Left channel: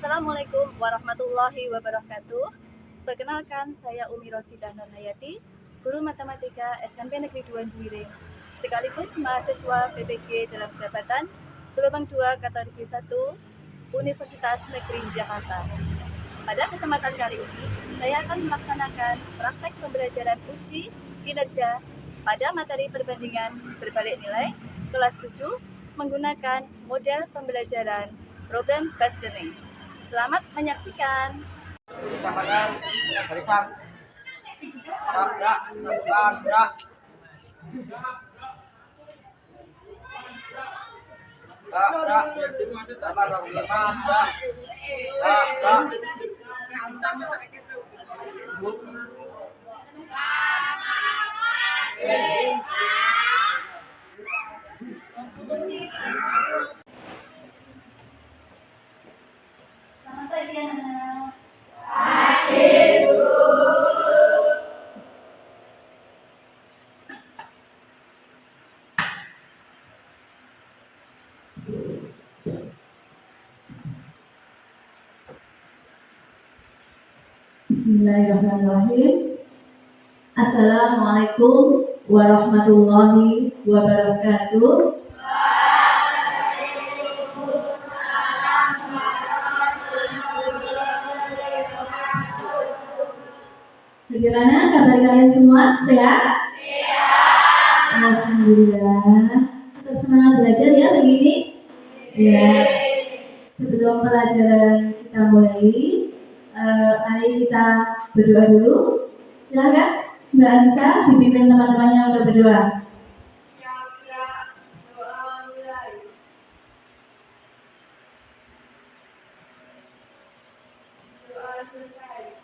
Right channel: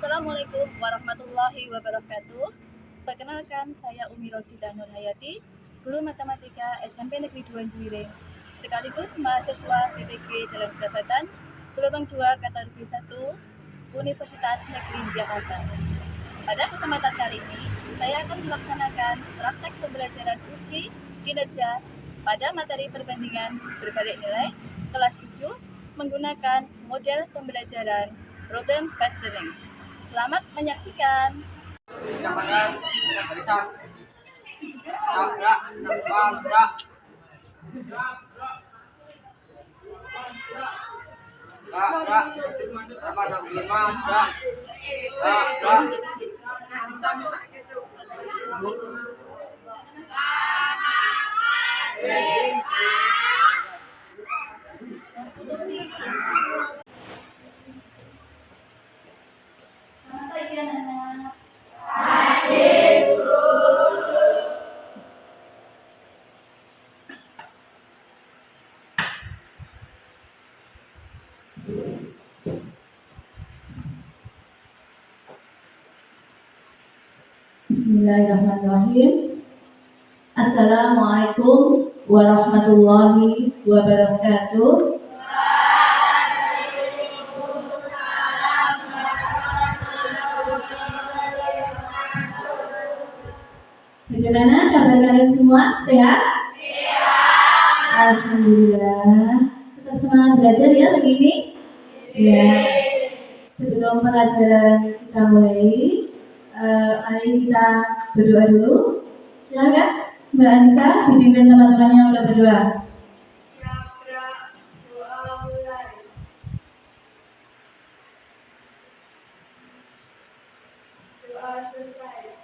Assalamualaikum warahmatullahi wabarakatuh. Perkenalkan, saya Umi Rosidah Nurhayati, guru matematika SMP Negeri 2 Juwiring, sekaligus mahasiswa PPG dalam jabatan gelombang 2 kategori 1 Universitas Negeri Jakarta. Pada kesempatan kali ini, saya akan melaksanakan praktek pembelajaran uji kinerja pada materi perbandingan berbalik nilai kelas 7 menggunakan model pembelajaran problem-based learning. Selamat menyaksikan. Tambahkan barisan. Gerak, depan, gerak. Gerak. Tambah 25, gerak. Gerak. Selamat pagi anak-anak. Bismillahirrahmanirrahim. Assalamualaikum warahmatullahi wabarakatuh. Bagaimana kabar kalian semua? Sehat? Alhamdulillah. Tetap semangat belajar ya pagi ini? Ya. Sebelum pelajaran kita mulai, mari kita berdoa dulu. Silakan Mbak Anissa dipimpin teman-temannya untuk berdoa. Doa mulai. Doa selesai.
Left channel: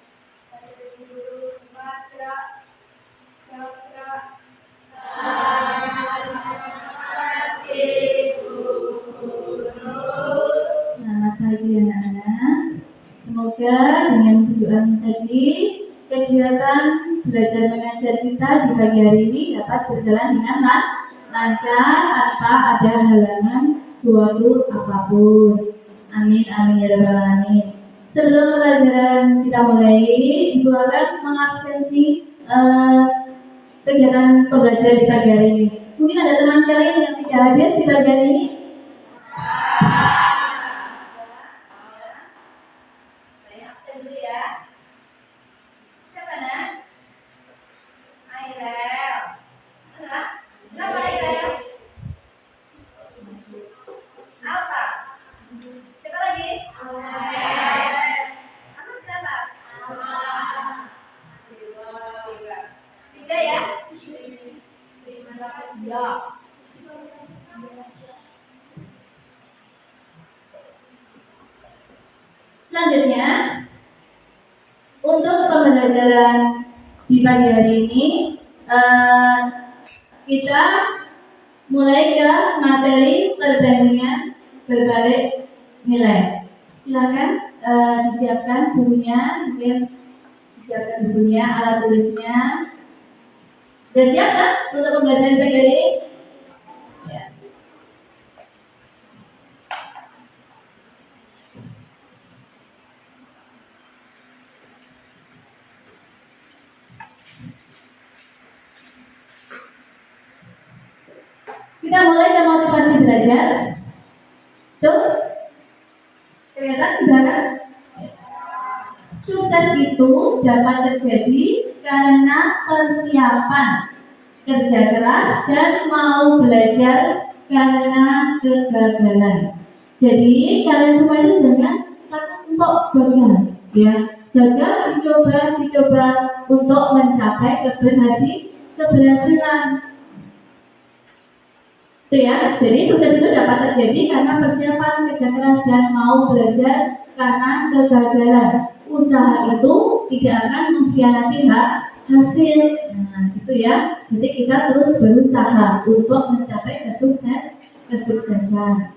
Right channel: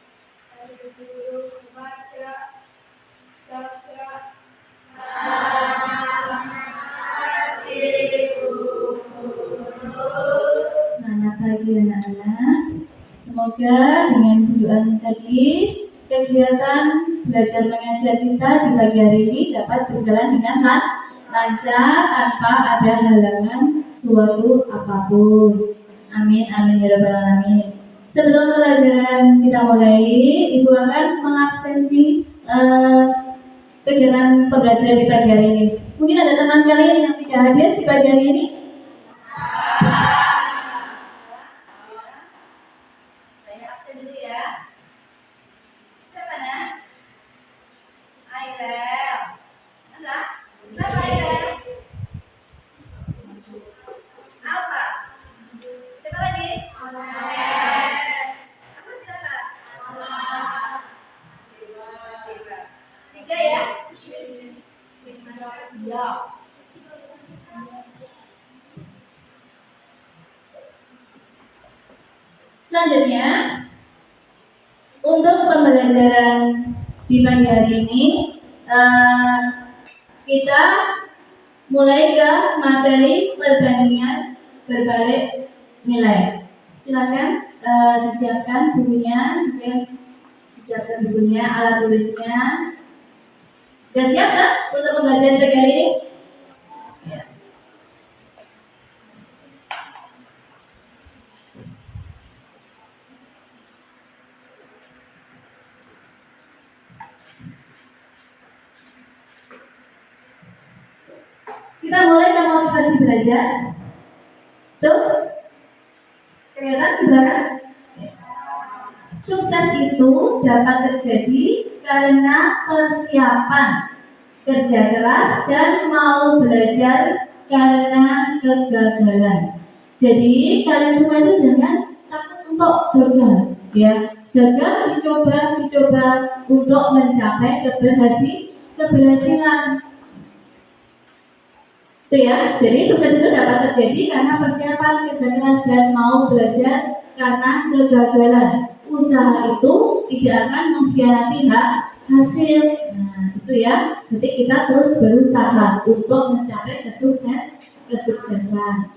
Dari guru Matra Cakra. Selamat pagi anak-anak. Semoga dengan tujuan tadi kegiatan belajar mengajar kita di pagi hari ini dapat berjalan dengan lancar tanpa ada halangan suatu apapun. Amin amin ya rabbal alamin. Sebelum pelajaran kita mulai, Ibu akan mengabsensi kegiatan pembelajaran di pagi hari ini. Mungkin ada teman kalian yang tidak hadir di pagi hari ini. Saya absen dulu ya. Siapa nak? Ailel. Mana? Kenapa Ailel? Apa? Siapa lagi? Yes. Apa siapa? Tiga ya? Ya. Selanjutnya, untuk pembelajaran di pagi hari ini, kita mulai ke materi perbandingan berbalik nilai. Silakan disiapkan bukunya, mungkin disiapkan bukunya, alat tulisnya. Sudah siap kan untuk pembelajaran pagi hari ini? Ya. Kita mulai dengan motivasi belajar. Tuh, kelihatan di belakang? Sukses itu dapat terjadi karena persiapan, kerja keras, dan mau belajar karena kegagalan. Jadi kalian semua itu jangan takut untuk gagal, ya. Gagal dicoba untuk mencapai keberhasilan. Itu ya. Jadi sukses itu dapat terjadi karena persiapan, kerja keras, dan mau belajar karena kegagalan. Usaha itu tidak akan mengkhianati hasil. Nah, itu ya. Nanti kita terus berusaha untuk mencapai kesuksesan.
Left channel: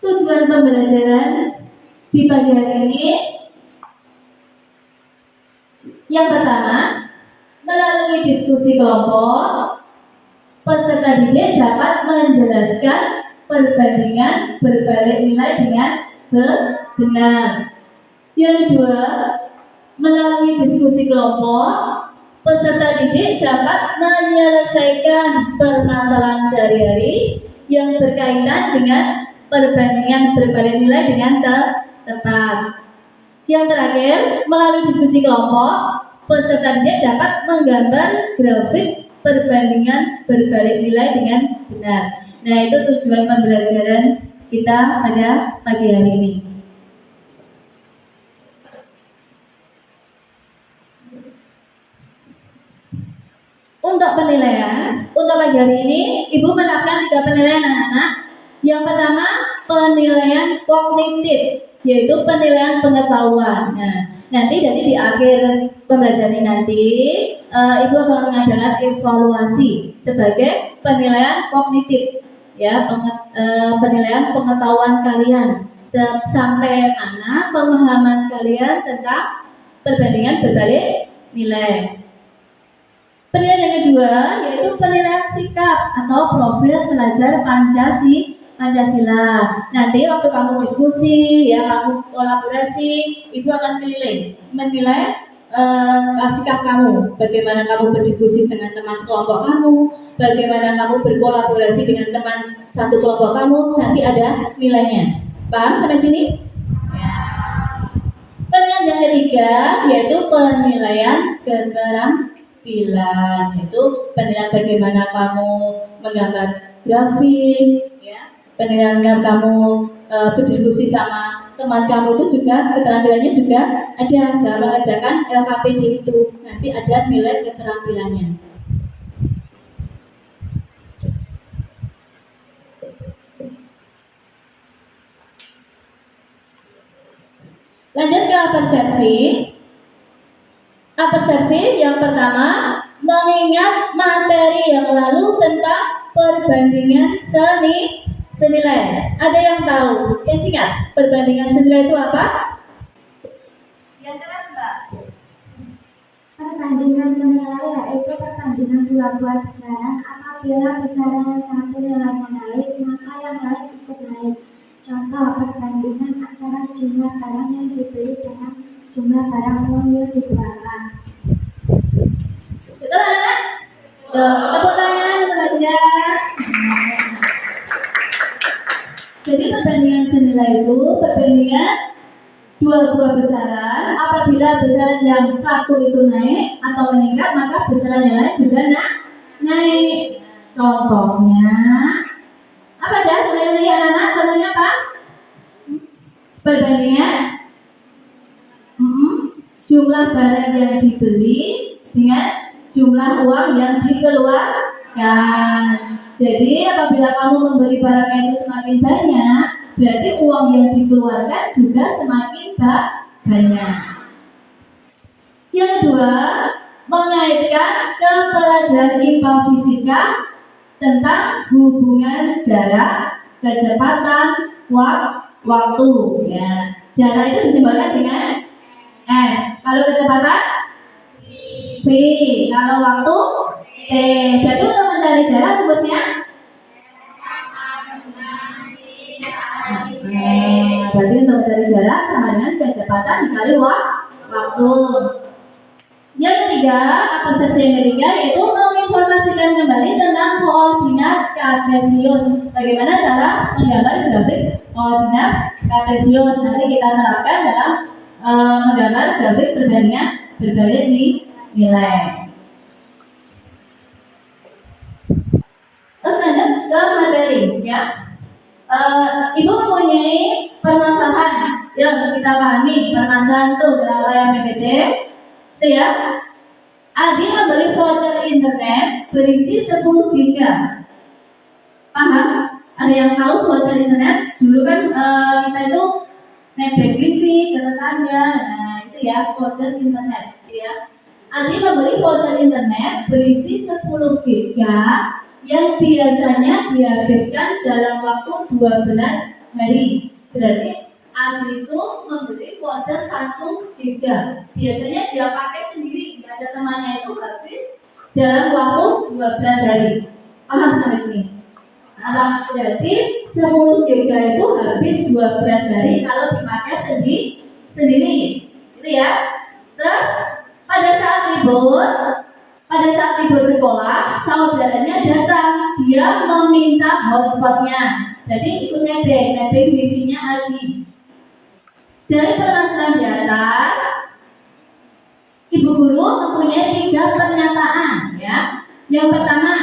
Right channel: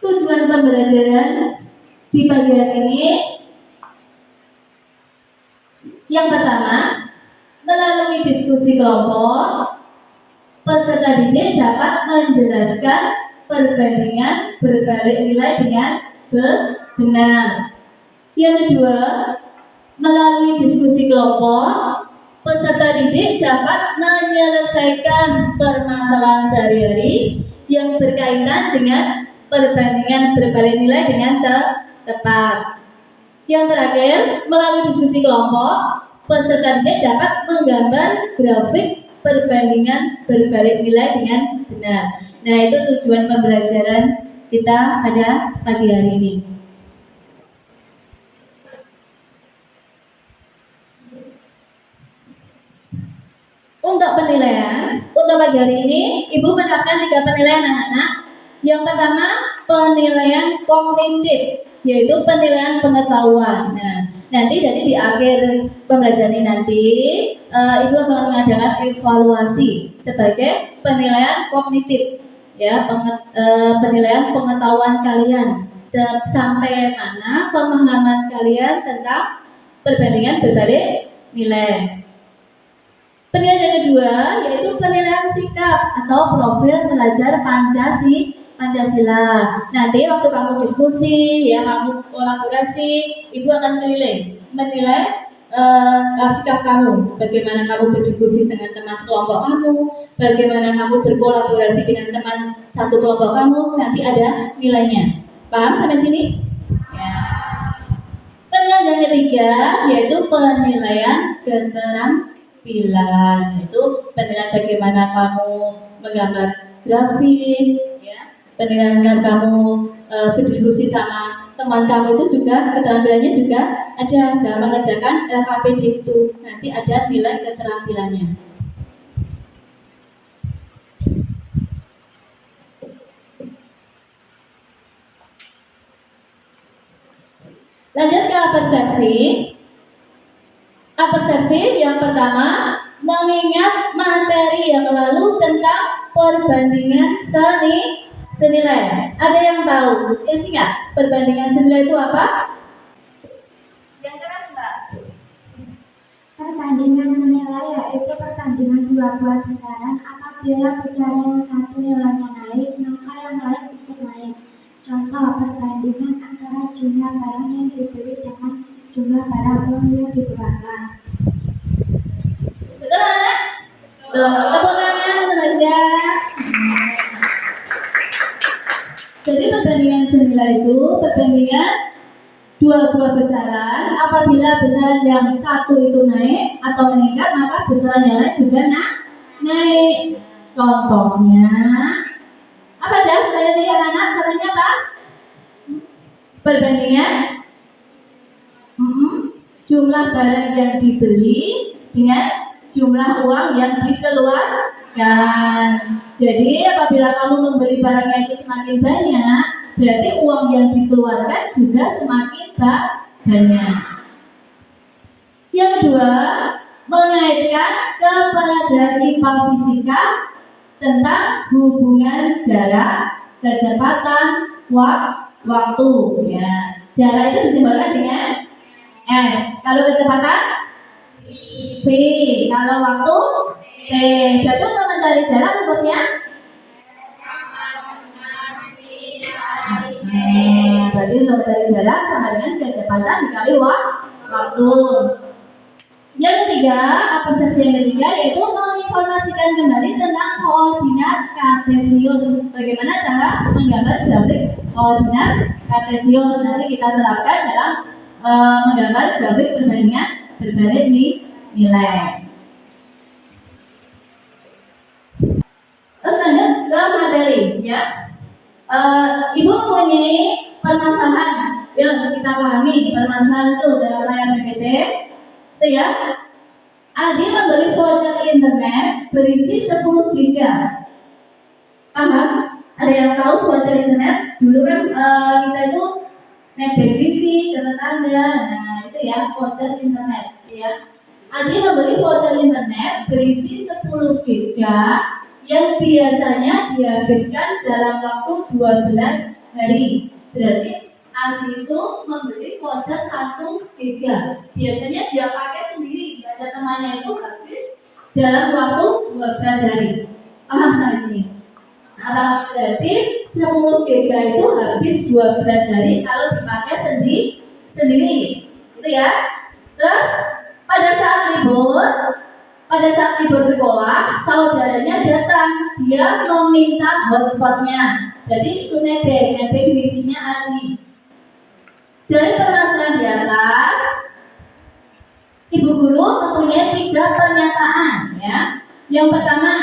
Tujuan pembelajaran di pagi hari ini yang pertama, melalui diskusi kelompok, peserta didik dapat menjelaskan perbandingan berbalik nilai dengan benar. Yang kedua, melalui diskusi kelompok, peserta didik dapat menyelesaikan permasalahan sehari-hari yang berkaitan dengan perbandingan berbalik nilai dengan tepat. Yang terakhir, melalui diskusi kelompok, peserta didik dapat menggambar grafik perbandingan berbalik nilai dengan benar. Nah, itu tujuan pembelajaran kita pada pagi hari ini. Untuk penilaian, untuk pagi hari ini, Ibu menerapkan 3 penilaian anak-anak. Yang pertama, penilaian kognitif, yaitu penilaian pengetahuan. Nah, nanti jadi di akhir pembelajaran ini nanti, Ibu akan mengadakan evaluasi sebagai penilaian kognitif, ya, penilaian pengetahuan kalian sampai mana pemahaman kalian tentang perbandingan berbalik nilai. Penilaian yang kedua yaitu penilaian sikap atau profil pelajar Pancasila. Nanti waktu kamu diskusi, ya, kamu kolaborasi, Ibu akan menilai sikap kamu, bagaimana kamu berdiskusi dengan teman sekelompok kamu, bagaimana kamu berkolaborasi dengan teman satu kelompok kamu, nanti ada nilainya. Paham sampai sini? Ya. Penilaian yang ketiga yaitu penilaian keterampilan, yaitu penilaian bagaimana kamu menggambar grafik, ya, penilaian kamu berdiskusi sama teman kamu itu juga keterampilannya juga ada dalam mengerjakan LKPD itu, nanti ada nilai keterampilannya. Lanjut ke persepsi. Persepsi yang pertama, mengingat materi yang lalu tentang perbandingan senilai. Ada yang tahu? Yang singkat, perbandingan senilai itu apa? Yang keras, Mbak. Perbandingan senilai yaitu perbandingan dua buah besaran. Apabila besaran yang satu nilainya naik, maka yang lain ikut naik. Contoh perbandingan antara jumlah barang yang dibeli dengan jumlah barang uang yang dikeluarkan. Betul, anak? Tepuk tangan teman-teman. Jadi perbandingan senilai itu perbandingan dua buah besaran. Apabila besaran yang satu itu naik atau meningkat, maka besaran yang lain juga naik. Contohnya apa aja? Saya lihat anak. Contohnya apa? Perbandingan jumlah barang yang dibeli dengan jumlah uang yang dikeluarkan. Jadi apabila kamu membeli barangnya itu semakin banyak, berarti uang yang dikeluarkan juga semakin banyak. Yang kedua, mengaitkan ke pelajaran IPA fisika tentang hubungan jarak, kecepatan, waktu. Ya, jarak itu disimbolkan dengan S. Kalau kecepatan V. Kalau waktu T. Berarti untuk mencari jarak rumusnya berarti untuk mencari jarak sama dengan kecepatan dikali waktu. Yang ketiga, persepsi yang ketiga yaitu menginformasikan kembali tentang koordinat kartesius. Bagaimana cara menggambar grafik koordinat kartesius? Nanti kita terapkan dalam menggambar grafik perbandingan berbalik nilai. Terus lanjut ke materi, ya. Ibu mempunyai permasalahan yang kita pahami. Permasalahan itu dalam layar PPT itu, ya. Adi membeli voucher internet berisi 10 GB. Paham? Ada yang tahu voucher internet? Dulu kan kita itu naik wifi ke tetangga. Nah, itu ya voucher internet, ya. Adi membeli voucher internet berisi 10 GB yang biasanya dihabiskan dalam waktu 12 hari. Berarti Adi itu membeli voucher 1 GB. Biasanya dia pakai sendiri, nggak ada temannya, itu habis dalam waktu 12 hari. Paham sampai sini? Nah, berarti 10 GB itu habis 12 hari kalau dipakai sendiri. Itu ya. Terus pada saat libur sekolah, saudaranya datang, dia meminta hotspotnya. Jadi ikut nebeng wifi-nya Aldi. Dari permasalahan di atas, Ibu guru mempunyai 3 pernyataan ya. Yang pertama,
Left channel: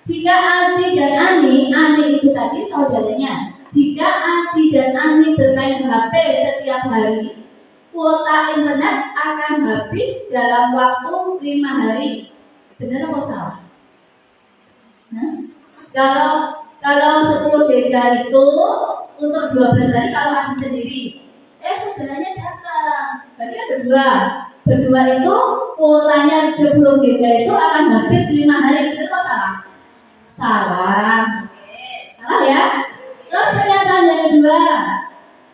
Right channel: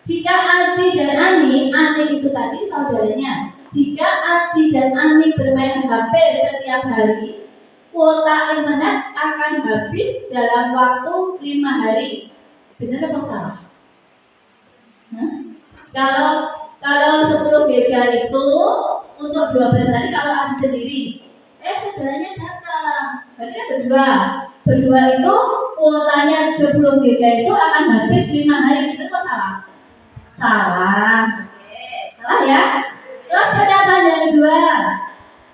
jika Aldi dan Ani itu tadi saudaranya, jika Aldi dan Ani bermain HP setiap hari, kuota internet akan habis dalam waktu 5 hari. Benar apa salah? Hah? Kalau 10 GB itu untuk 12 hari kalau Aldi sendiri, saudaranya datang, berarti ada berdua itu kuotanya 10 GB itu akan habis 5 hari. Benar apa salah? Salah. Oke, salah ya. Terus pernyataan yang kedua,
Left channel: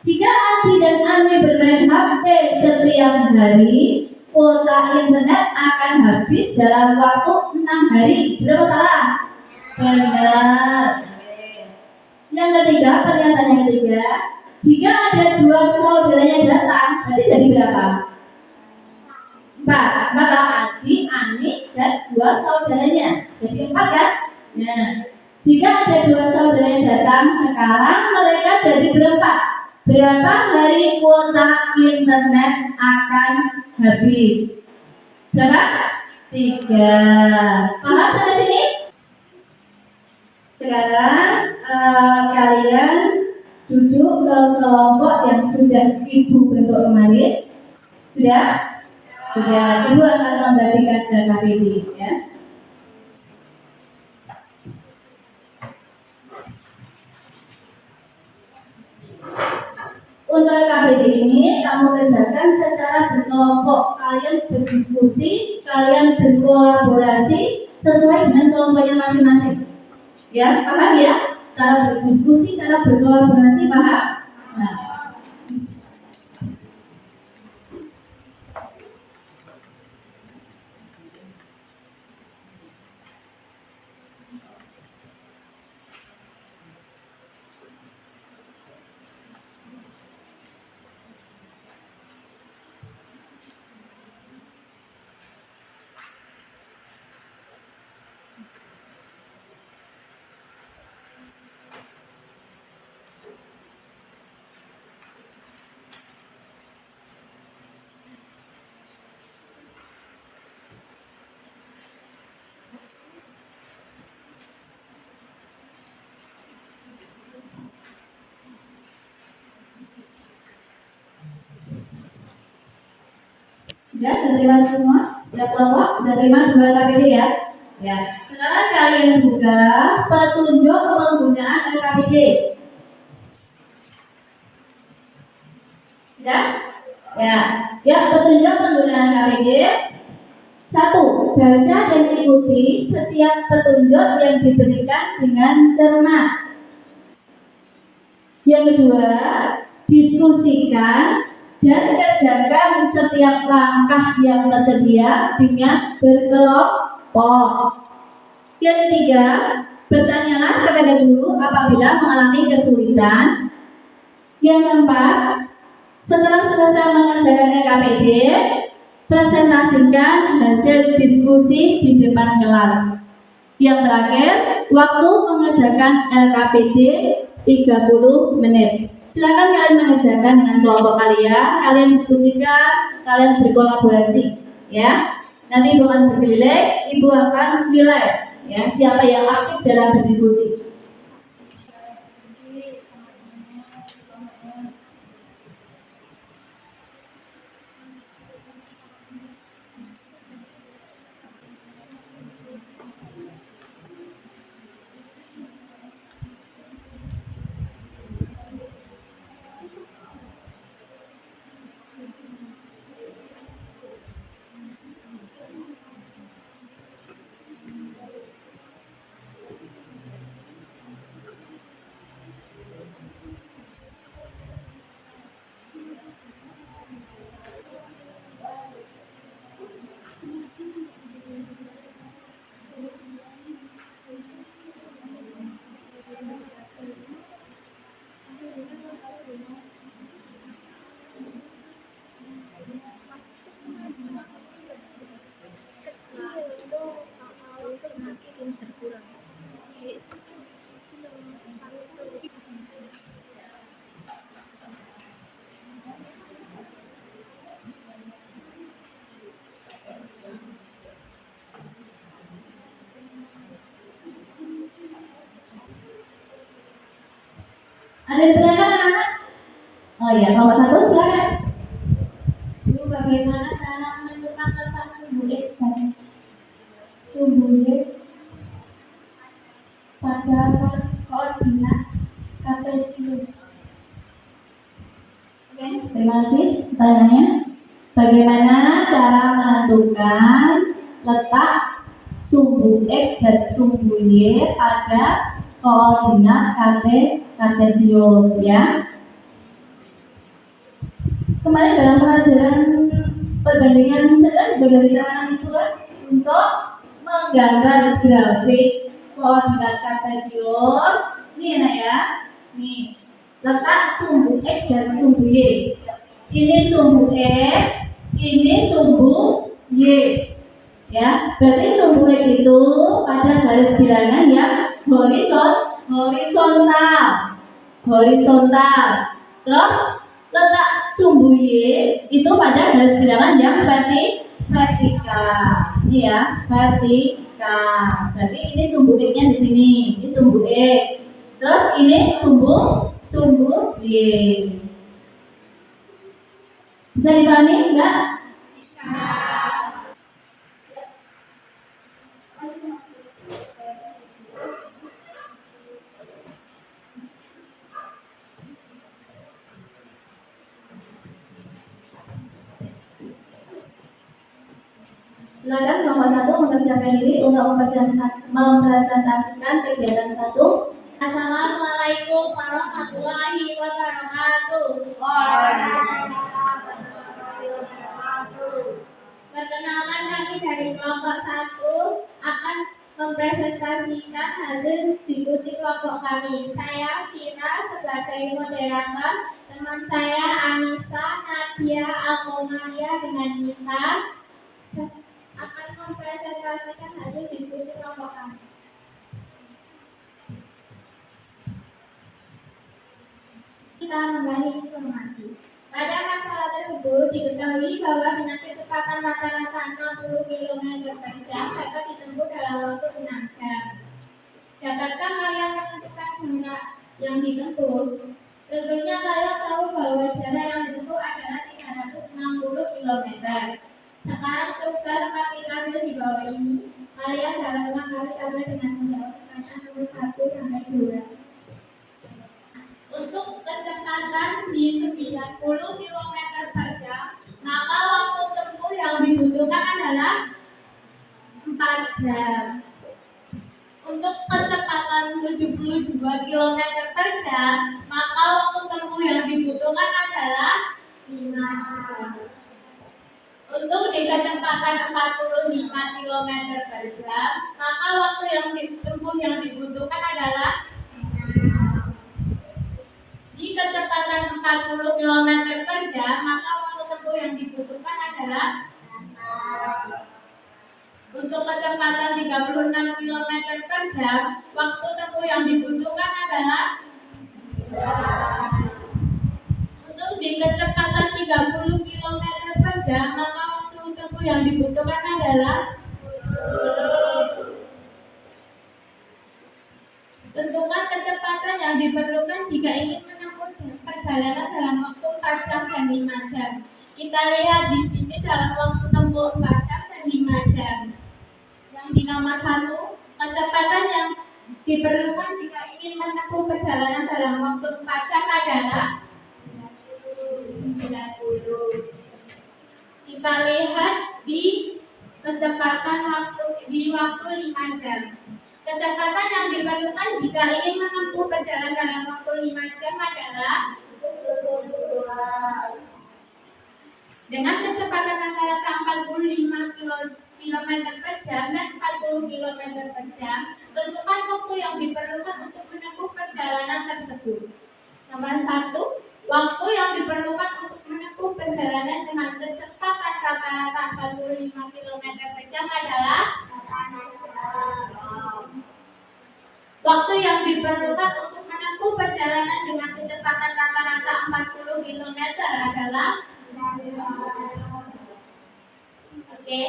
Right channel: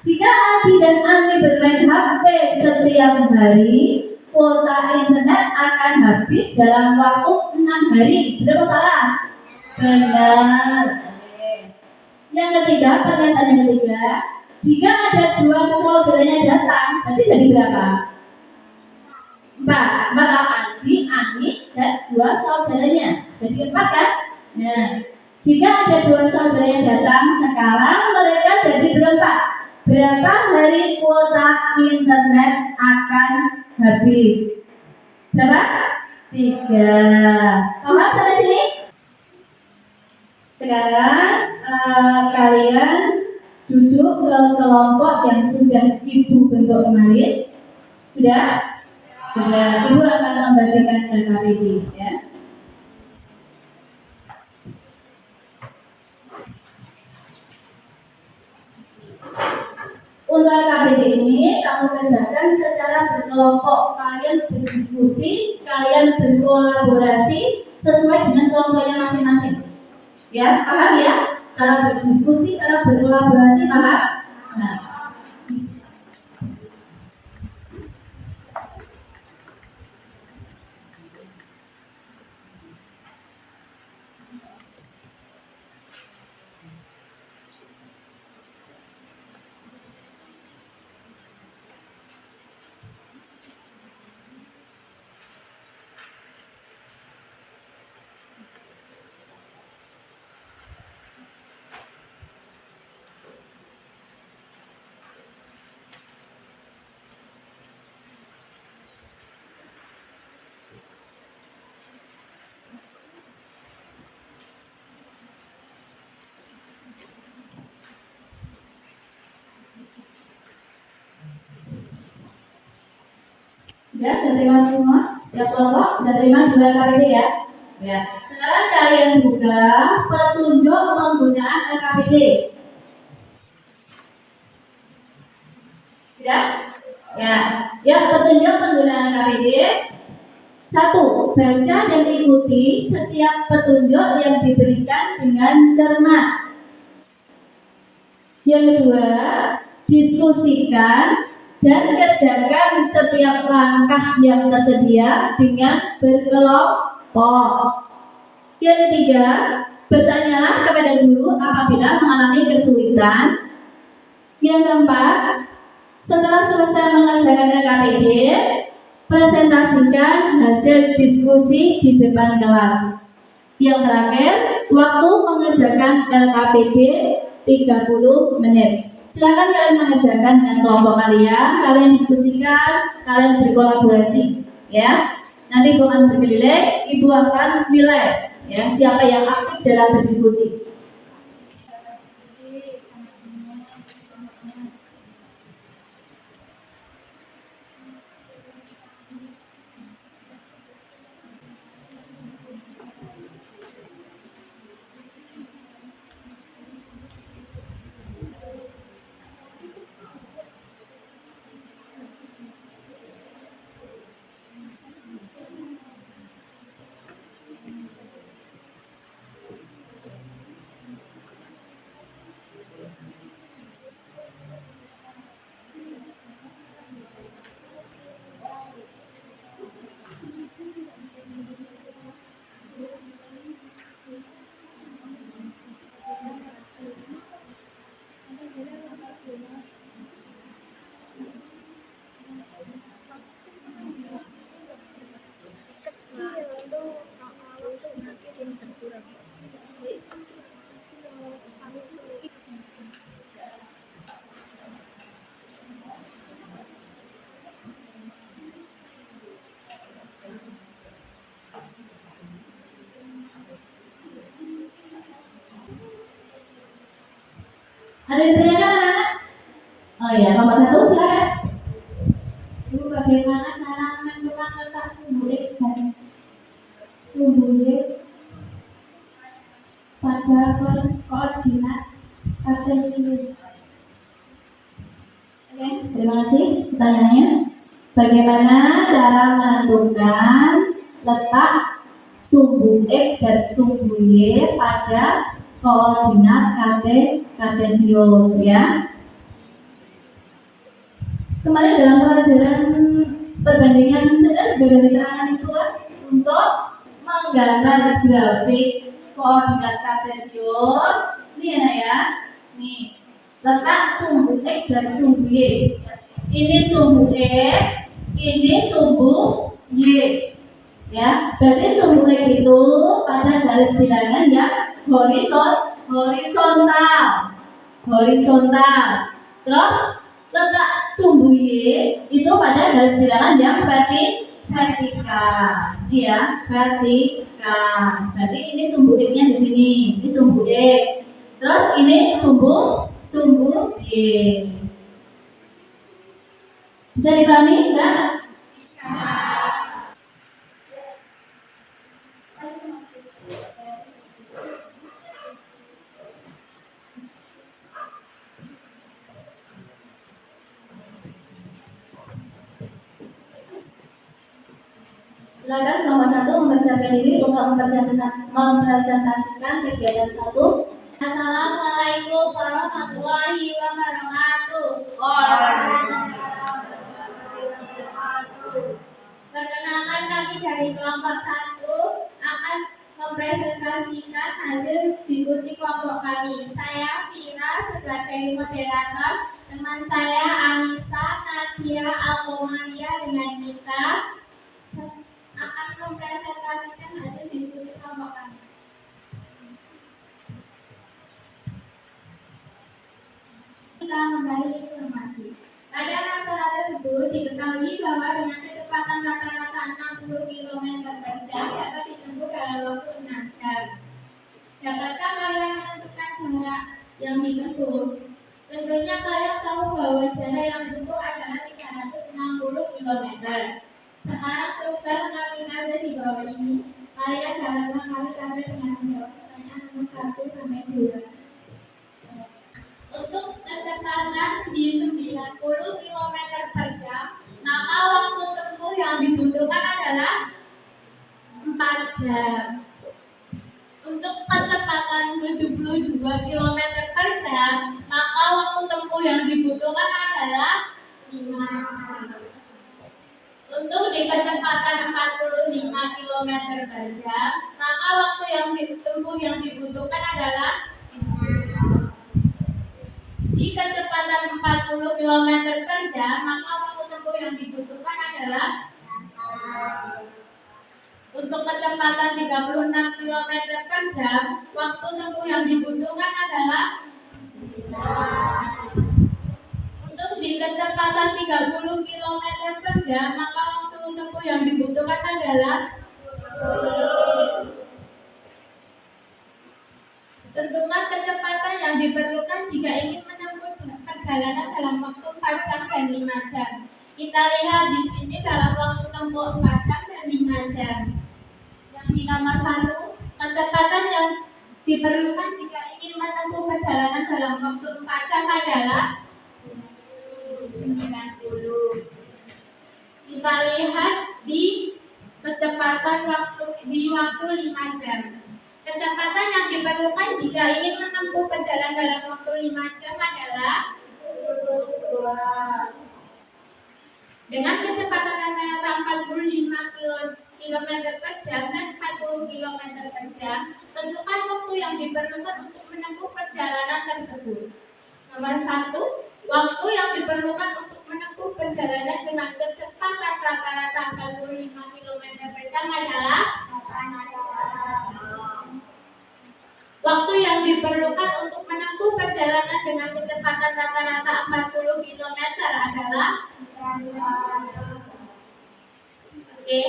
jika Aldi dan Ani bermain HP setiap hari, kuota internet akan habis dalam waktu 6 hari. Benar apa salah? Benar. Oke. Yang ketiga, pernyataan yang ketiga, jika ada 2 saudaranya datang, berarti jadi berapa? 4. Aldi, Ani, dan 2 saudaranya. Jadi 4 kan? Nah, jika ada 2 saudara yang datang, sekarang mereka jadi berempat. Berapa hari kuota internet akan habis? Berapa? 3. Paham sampai sini? Sekarang kalian duduk ke kelompok yang sudah Ibu bentuk kemarin. Sudah? Sudah. Ibu akan membagikan LKPD ya. Untuk LKPD ini kamu kerjakan secara berkelompok. Kalian berdiskusi, kalian berkolaborasi sesuai dengan kelompoknya masing-masing. Ya, paham ya? Cara berdiskusi, cara berkolaborasi, paham? Nah. Sudah terima semua? Sudah kelompok? Sudah terima 2 LKPD ya? Ya. Sekarang kalian buka petunjuk penggunaan LKPD. Sudah? Ya. Ya, petunjuk penggunaan LKPD. 1. Baca dan ikuti setiap petunjuk yang diberikan dengan cermat. Yang kedua, diskusikan dan kerjakan setiap langkah yang tersedia dengan berkelompok. Yang ketiga, bertanyalah kepada guru apabila mengalami kesulitan. Yang keempat, setelah selesai mengerjakan LKPD, presentasikan hasil diskusi di depan kelas. Yang terakhir, waktu mengerjakan LKPD 30 menit. Silakan kalian mengerjakan dengan kelompok kalian diskusikan, kalian berkolaborasi, ya. Nanti Ibu akan berkeliling, Ibu akan nilai, ya, siapa yang aktif dalam berdiskusi. ini berkurang. Ada yang teriakan anak-anak? Oh iya, nomor 1 silakan. Bu, bagaimana cara menentukan letak sumbu X dan sumbu Y pada koordinat kartesius? Oke, terima kasih pertanyaannya. Bagaimana cara menentukan letak sumbu X dan sumbu Y pada koordinat kartesius ya? Kemarin dalam pelajaran perbandingan saya juga dari keterangan itu kan untuk menggambar grafik koordinat kartesius. Ini ya nak ya, nih letak sumbu X dan sumbu Y. Ini sumbu X, ini sumbu Y. Ya, berarti sumbu X itu pada garis bilangan yang horizontal. Terus letak sumbu Y itu pada garis bilangan yang vertikal. Ini ya, vertikal. Berarti ini sumbu X-nya di sini. Ini sumbu X. Terus ini sumbu Y. Bisa dipahami enggak? Silakan nomor 1 mempersiapkan diri untuk mempresentasikan kegiatan 1. Assalamualaikum warahmatullahi wabarakatuh. Perkenalkan, kami dari kelompok 1 akan mempresentasikan hasil diskusi kelompok kami. Saya Vira sebagai moderator, teman saya Anissa, Nadia, Alkomaria dengan Nita akan mempresentasikan hasil diskusi kelompok kami. Kita membagi informasi. Pada masalah tersebut diketahui bahwa dengan kecepatan rata-rata 60 km per jam dapat ditempuh dalam waktu 6 jam. Dapatkah kalian menentukan jarak yang ditempuh? Tentunya kalian tahu bahwa jarak yang ditempuh adalah 360 km. Sekarang coba kami ambil di bawah ini. Kalian dapat kami dengan menjawab pertanyaan nomor 1 sampai 2. Untuk kecepatan di 90 km per jam, maka waktu tempuh yang dibutuhkan adalah 4 jam. Untuk kecepatan 72 km per jam, maka waktu tempuh yang dibutuhkan adalah 5 jam. Untuk di kecepatan 45 km per jam, maka waktu yang ditempuh yang dibutuhkan adalah di kecepatan 40 km per jam, maka waktu tempuh yang dibutuhkan adalah untuk kecepatan 36 km per jam, waktu tempuh yang dibutuhkan adalah untuk di kecepatan 30 km per jam, maka waktu tempuh yang dibutuhkan adalah tentukan kecepatan yang diperlukan jika ingin menempuh perjalanan dalam waktu 4 jam dan 5 jam. Kita lihat di sini dalam waktu tempuh 4 jam dan 5 jam. Yang di nomor 1, kecepatan yang diperlukan jika ingin menempuh perjalanan dalam waktu 4 jam adalah 90. Kita lihat di kecepatan waktu 5 jam. Kecepatan yang diperlukan jika ingin menempuh perjalanan dalam waktu 5 jam adalah dengan kecepatan rata-rata 45 km per jam dan 40 km per jam. Tentukan waktu yang diperlukan untuk menempuh perjalanan tersebut. Nomor 1, waktu yang diperlukan untuk menempuh perjalanan dengan kecepatan rata-rata 45 km per jam adalah yang diperlukan untuk menempuh perjalanan dengan kecepatan rata-rata 40 km adalah? Oke.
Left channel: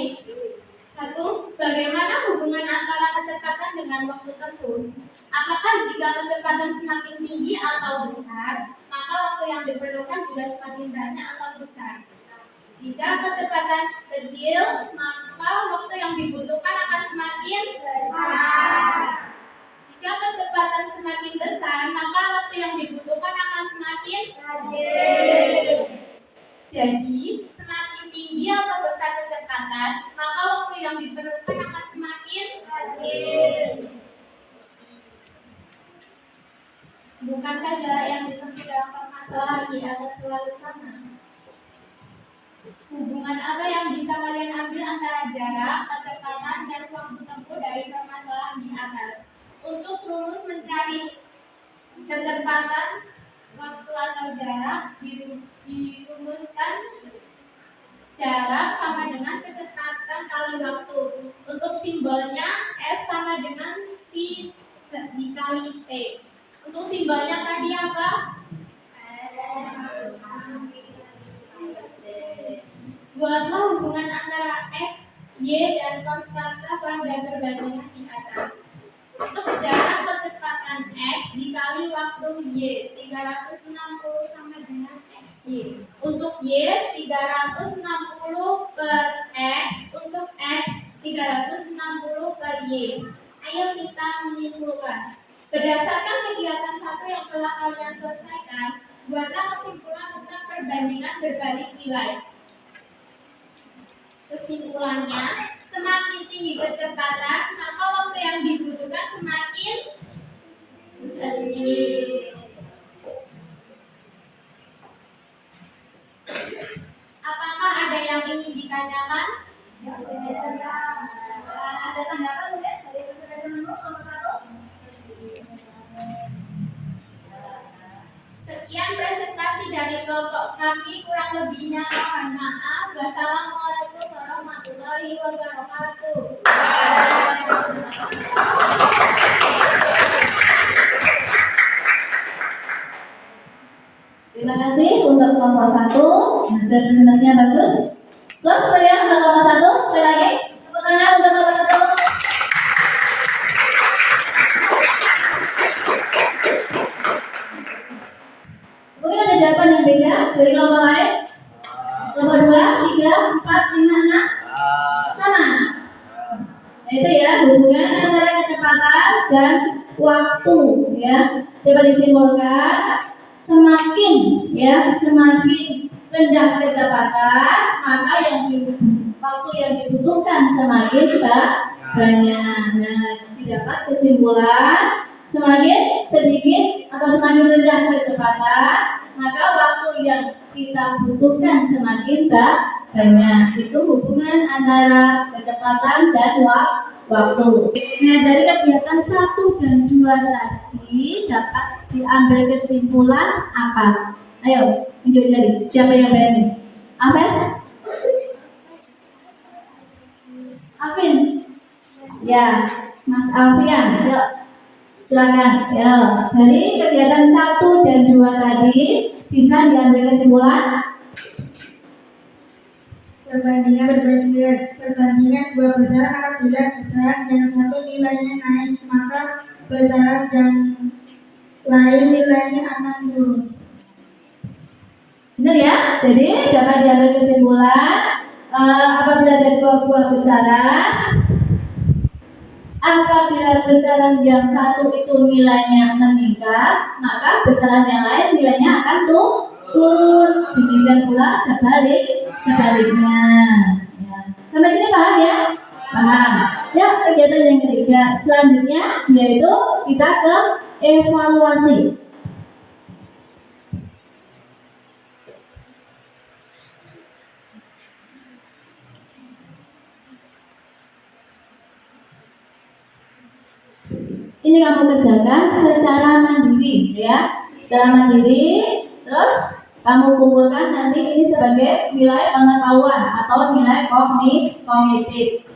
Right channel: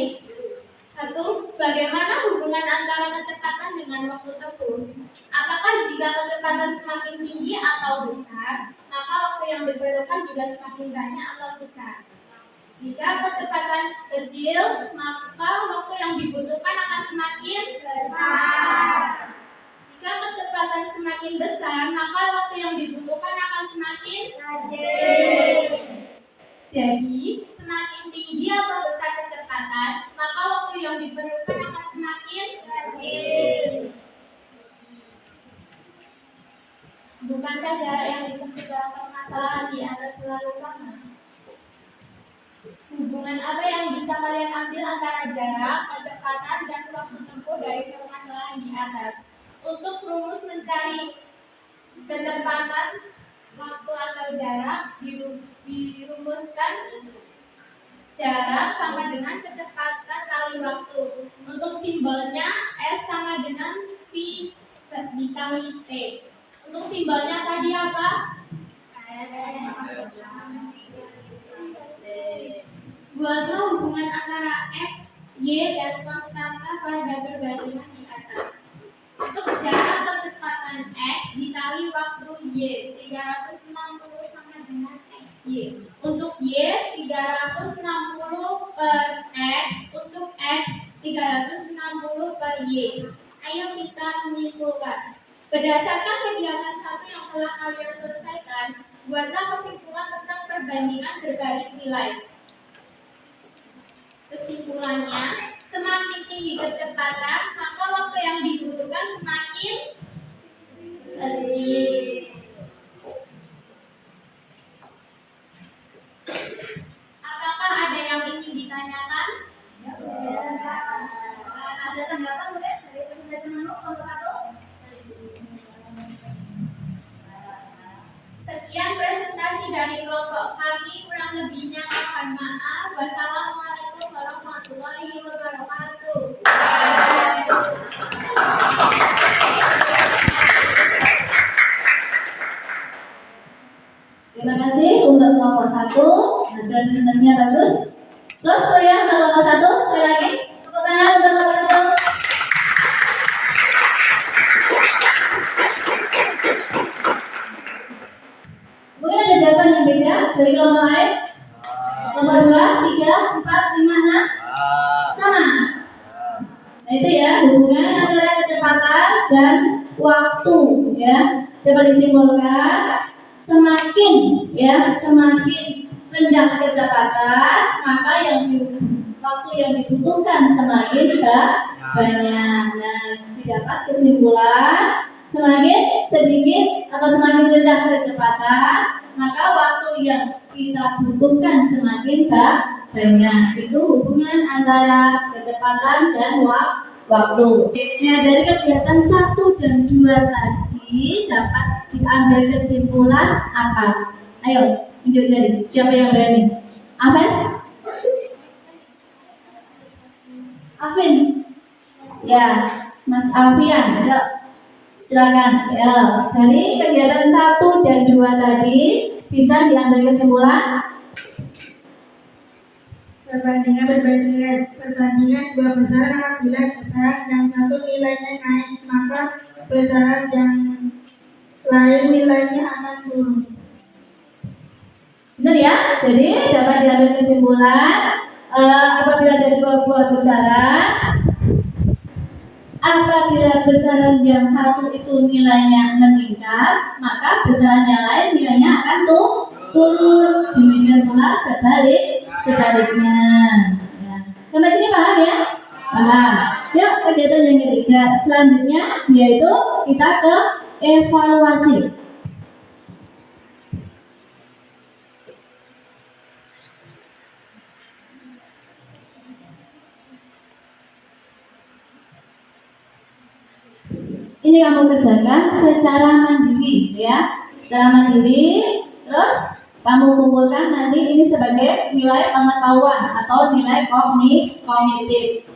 1. Bagaimana hubungan antara kecepatan dengan waktu tempuh? Apakah jika kecepatan semakin tinggi atau besar, maka waktu yang diperlukan juga semakin banyak atau besar? Jika kecepatan kecil, maka waktu yang dibutuhkan akan semakin besar. Jika kecepatan semakin besar, maka waktu yang dibutuhkan akan semakin kecil. Jadi, semakin tinggi atau besar kecepatan, maka waktu yang diperlukan akan semakin kecil. Bukankah jarak yang ditempuh dalam permasalahan di atas selalu sama? Hubungan apa yang bisa kalian ambil antara jarak, kecepatan, dan waktu tempuh dari permasalahan di atas? Untuk rumus mencari kecepatan, waktu atau jarak, dirumuskan jarak sama dengan kecepatan kali waktu. Untuk simbolnya S sama dengan V dikali T. Untuk simbolnya tadi apa? Buatlah hubungan antara X, Y, dan konstanta pada perbandingan di atas. Untuk jarak kecepatan X dikali waktu Y, 360 sama dengan XY. Untuk Y, 360 per X. Untuk X, 360 per Y. Ayo kita menyimpulkan. Berdasarkan kegiatan satu yang telah kalian selesaikan, buatlah kesimpulan tentang perbandingan berbalik nilai. Kesimpulannya, semakin tinggi kecepatan, maka waktu yang dibutuhkan semakin kecil. Apakah ada yang ingin ditanyakan? Ada tanggapan mungkin dari presentasi nomor 1? Sekian presentasi dari kelompok kami, kurang lebihnya mohon maaf. Wassalamualaikum warahmatullahi wabarakatuh. Terima kasih untuk kelompok 1. Hasil presentasinya bagus. Terus saya untuk kelompok 1, sekali lagi. Tepuk tangan untuk kelompok 1. Mungkin ada jawaban yang beda dari kelompok lain. Kelompok 2, 3, 4, 5, 6 sama. Nah itu ya, hubungan antara kecepatan dan waktu ya. Coba disimpulkan, semakin rendah kecepatan, maka waktu yang dibutuhkan semakin banyak. Nah, didapat kesimpulan semakin sedikit atau semakin rendah kecepatan, maka waktu yang kita butuhkan semakin banyak. Itu hubungan antara kecepatan dan waktu. Nah, dari kegiatan 1 dan 2 tadi dapat diambil kesimpulan apa? Ayo, tunjuk jari. Siapa yang berani? Afes? Afin? Ya, Mas Alfian. Yuk, silakan. Ya, dari kegiatan 1 dan 2 tadi bisa diambil kesimpulan Perbandingan dua besaran apabila besaran yang satu nilainya naik, maka besaran yang lain nilainya akan turun. benar ya? Jadi dapat diambil kesimpulan apabila ada dua buah besaran, apabila besaran yang satu itu nilainya meningkat, maka besaran yang lain nilainya akan turun. Demikian pula sebaliknya. Ya. Sampai sini paham ya? Paham. Ya, kegiatan yang ketiga selanjutnya yaitu kita ke evaluasi. Ini kamu kerjakan secara mandiri ya, secara mandiri. Terus kamu kumpulkan nanti ini sebagai nilai pengetahuan atau nilai kognitif.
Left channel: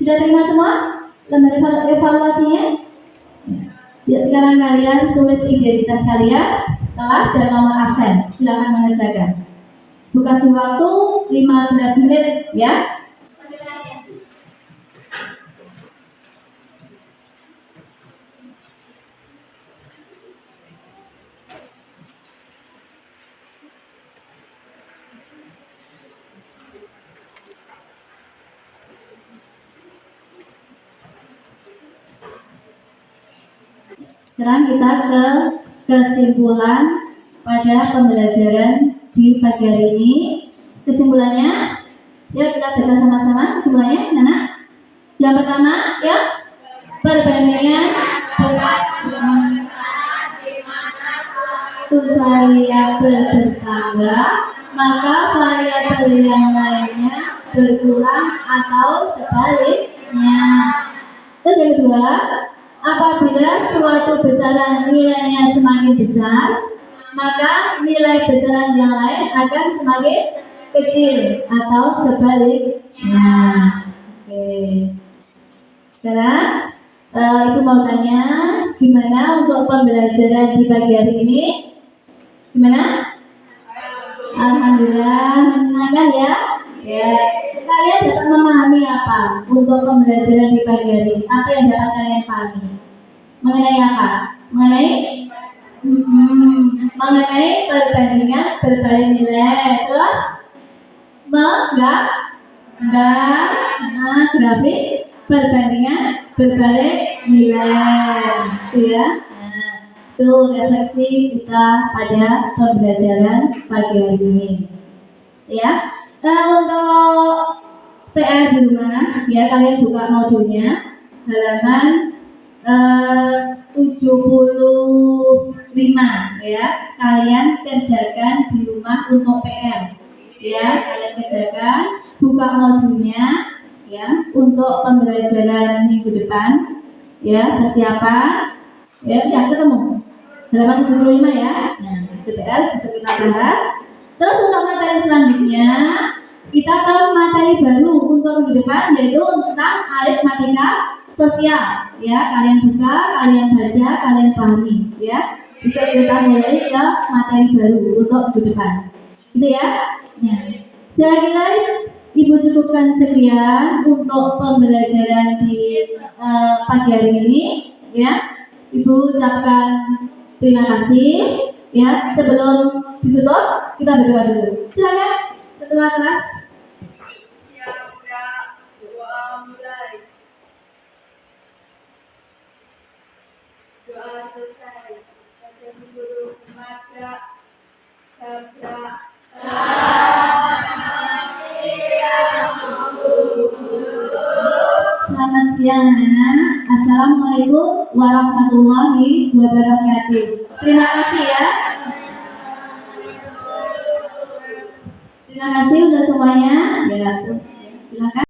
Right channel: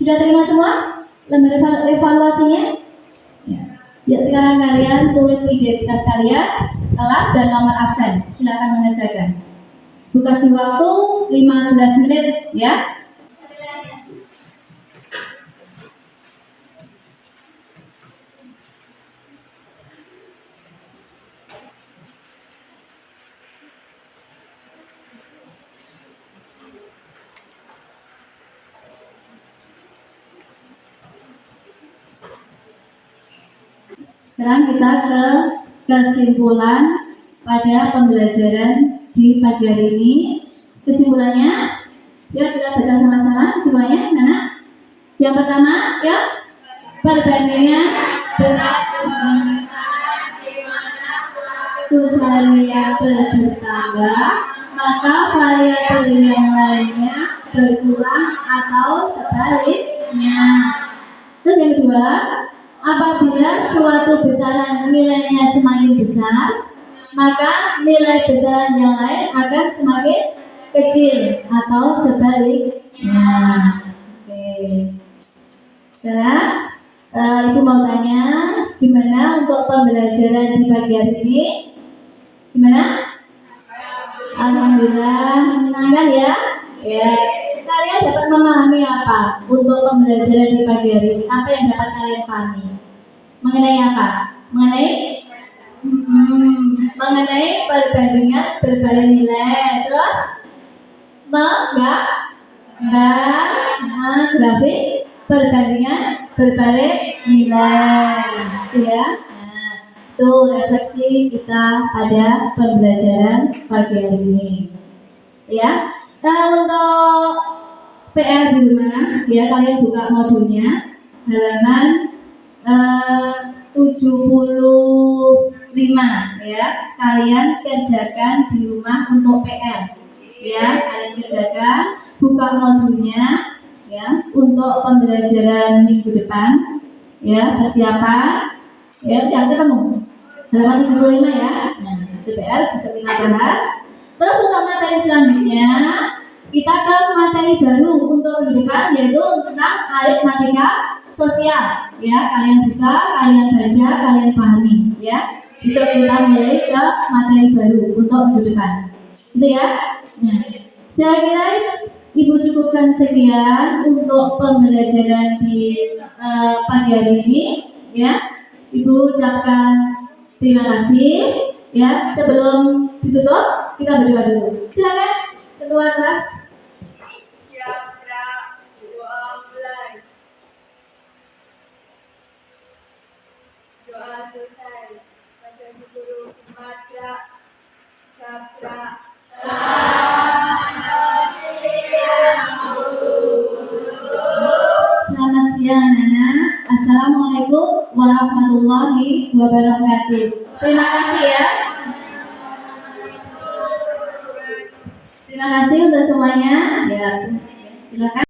Sudah terima semua lembar evaluasinya? Ya. Ya, sekarang kalian tulis identitas kalian, kelas dan nomor absen. Silakan mengerjakan. Bu kasih waktu 15 menit ya. Sekarang kita ke kesimpulan pada pembelajaran di pagi hari ini. Kesimpulannya, ya kita baca sama-sama kesimpulannya, Nana. Yang pertama, ya, perbandingan satu variabel bertambah, maka variabel yang lainnya berkurang atau sebaliknya. Terus yang kedua, apabila suatu besaran nilainya semakin besar, maka nilai besaran yang lain akan semakin kecil atau sebaliknya. Oke. Sekarang Ibu mau tanya, gimana untuk pembelajaran di pagi hari ini? Gimana? Alhamdulillah menyenangkan ya. Ya. Kalian dapat memahami apa untuk pembelajaran di pagi hari ini? Apa yang dapat kalian pahami? Mengenai apa? Mengenai perbandingan berbalik nilai. Terus grafik perbandingan berbalik nilai, ya. Nah, itu refleksi kita pada pembelajaran pagi hari ini, ya. Untuk PR di rumah, ya kalian buka modulnya halaman 75, ya. Kalian kerjakan di rumah untuk PR, ya. Kalian kerjakan, buka modulnya, ya, untuk pembelajaran minggu depan, ya, persiapan, ya, yang ketemu halaman 75 ya. Nah, itu PR bisa kita bahas. Terus untuk materi selanjutnya, kita ke materi baru untuk minggu depan, yaitu tentang aritmatika sosial, ya. Kalian buka, kalian baca, kalian pahami, ya. Bisa kita mulai ke materi baru untuk minggu depan, gitu ya. Nah, saya kira Ibu cukupkan sekian untuk pembelajaran di pagi hari ini, ya. Ibu ucapkan terima kasih, ya. Sebelum ditutup, kita berdoa dulu. Silakan ketua kelas. Doa mulai. Doa selesai. Baca guru madra sabda. Selamat siang anak-anak. Assalamualaikum warahmatullahi wabarakatuh. Terima kasih ya. Terima kasih untuk semuanya. Ya, silakan.